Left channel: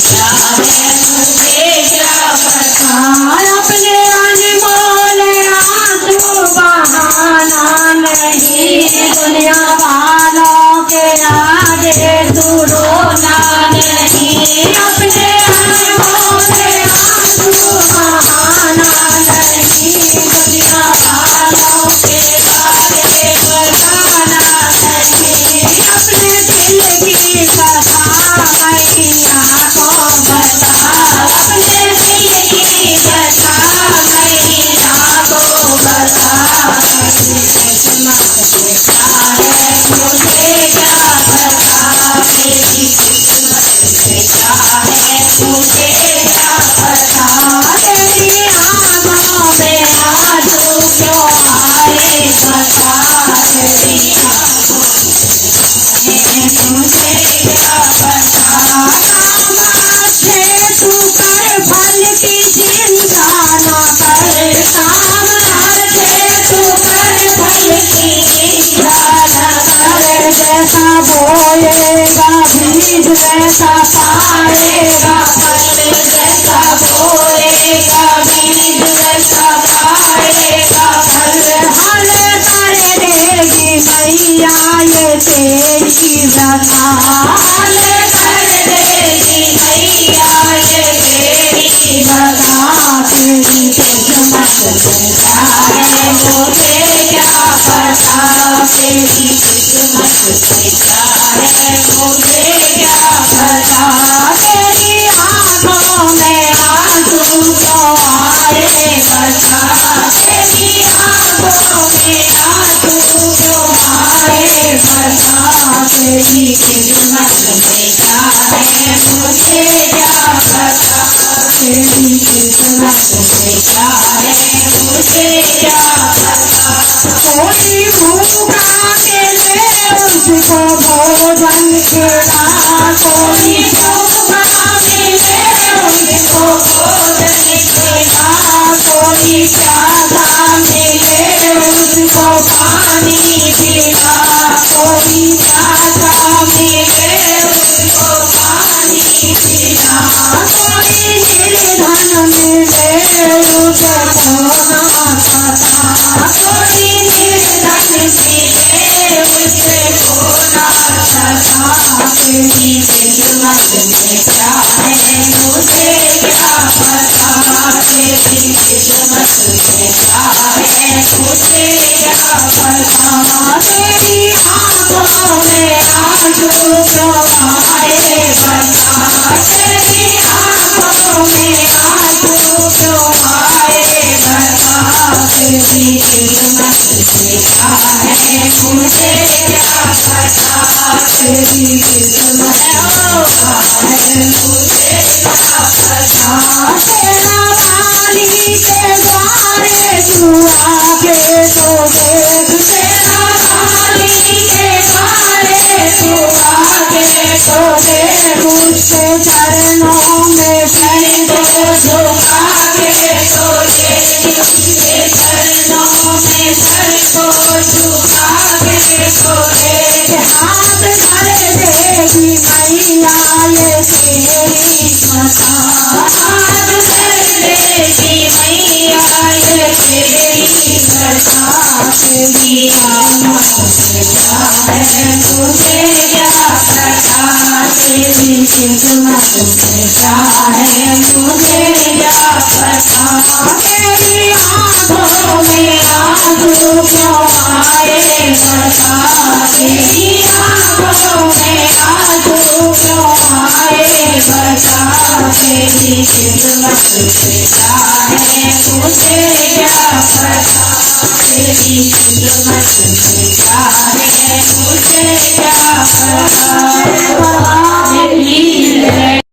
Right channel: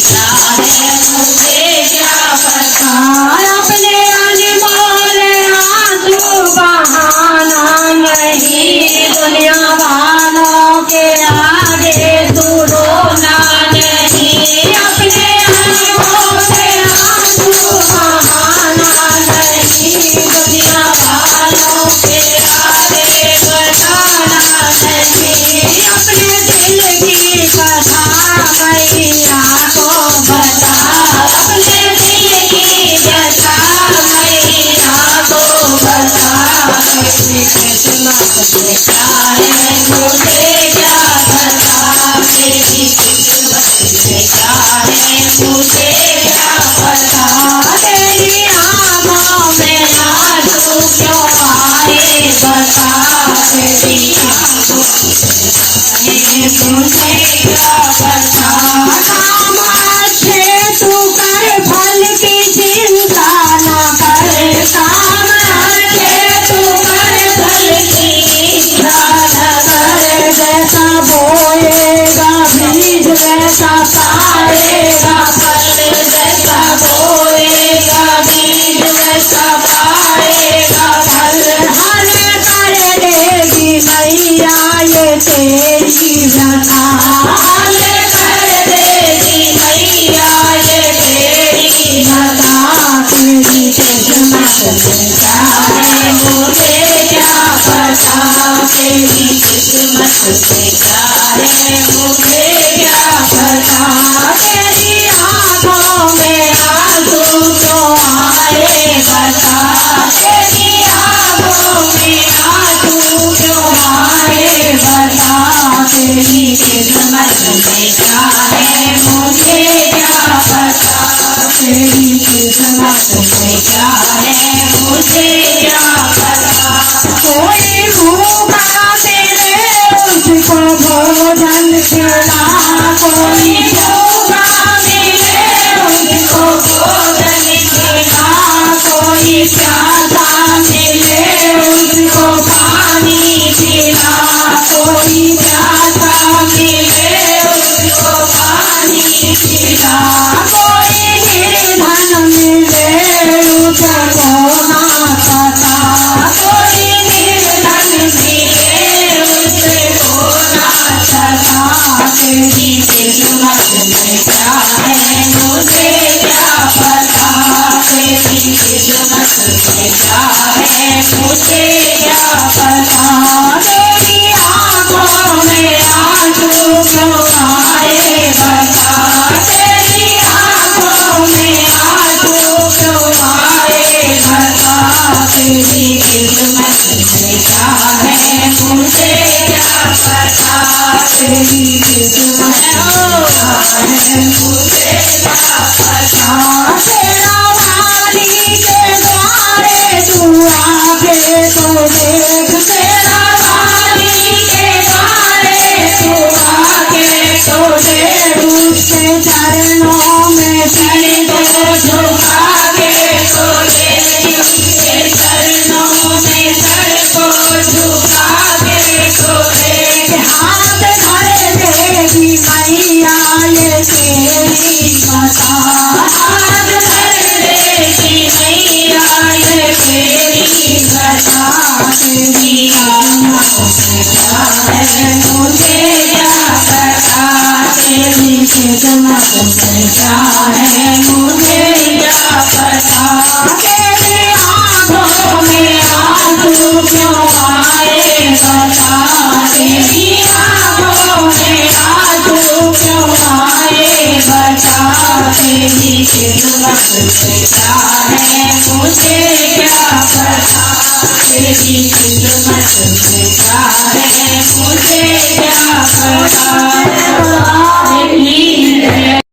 क्या है मुझे क्या पता। अपने अनमोल आंसू बहाना नहीं, दुनिया वालों के आगे तू रोना नहीं। अपने अनमोल आंसू बहाना नहीं, दुनिया वालों के आगे बताना नहीं। अपने दिल की कथा मैया को बता, अपने दिल की कथा मैया को बता। मेरी किस्मत से क्या है मुझे क्या पता। मेरी किस्मत से क्या है मुझे क्या पता। तेरी आँखों में आंसू क्यों आए बता, तेरी आँखों में मुझे क्या पता। काम अच्छे तू कर, फल की चिंता न कर। काम अच्छे तू कर, फल की चिंता न कर। जैसा बोएगा बीज वैसा पाएगा फल, जैसा बोएगा बीज वैसा पाएगा फल। हल कर देगी मैया ये तेरी व्यथा, हल कर देगी मैया ये तेरी व्यथा। तेरी किस्मत में क्या है मुझे क्या पता। मेरी किस्मत से क्या है मुझे क्या पता। तेरी आँखों में आंसू क्यों आए बता, तेरी आँखों में आंसू क्यों आए बता। तेरी किस्मत में क्या है मुझे क्या पता। तेरी किस्मत से क्या है मुझे क्या पता। कोई भूखा मिले उसको भोजन खिला, कोई भूखा मिले उसको भोजन खिला। कोई प्यासा मिले उसको पानी पिला, कोई प्यासा मिले उसको पानी पिला। कोई निर्धन मिले उसको ना पता, कोई निर्धन मिले उसको ना पता। तेरी किस्मत में क्या है मुझे क्या पता। मेरी किस्मत में क्या है मुझे क्या पता। तेरी आँखों में आंसू क्यों आए बता, तेरी आँखों में आंसू क्यों आए बता। तेरी किस्मत से क्या है मुझे क्या पता। तेरी किस्मत क्या है मुझे क्या पता। तेरा वाणी के द्वारे तू आके तो देख, तेरा वाणी के द्वारे तू आके तो देख। उसके चरणों में सिर को झुका के तो देख, उसके चरणों में सर को झुका के तो देख। हाथ धर देगी मैया ये तेरी माता, हाथ धर देगी मैया ये तेरी माता। तेरी आँखों से क्या है मुझे क्या पता। तेरी किस्मत से क्या है मुझे क्या पता। तेरी आँखों में आंसू क्यों आए बता, तेरी आँखों में आंसू क्यों आए बता। तेरी किस्मत से क्या है मुझे क्या पता। तेरी किस्मत से क्या है मुझे क्या पता।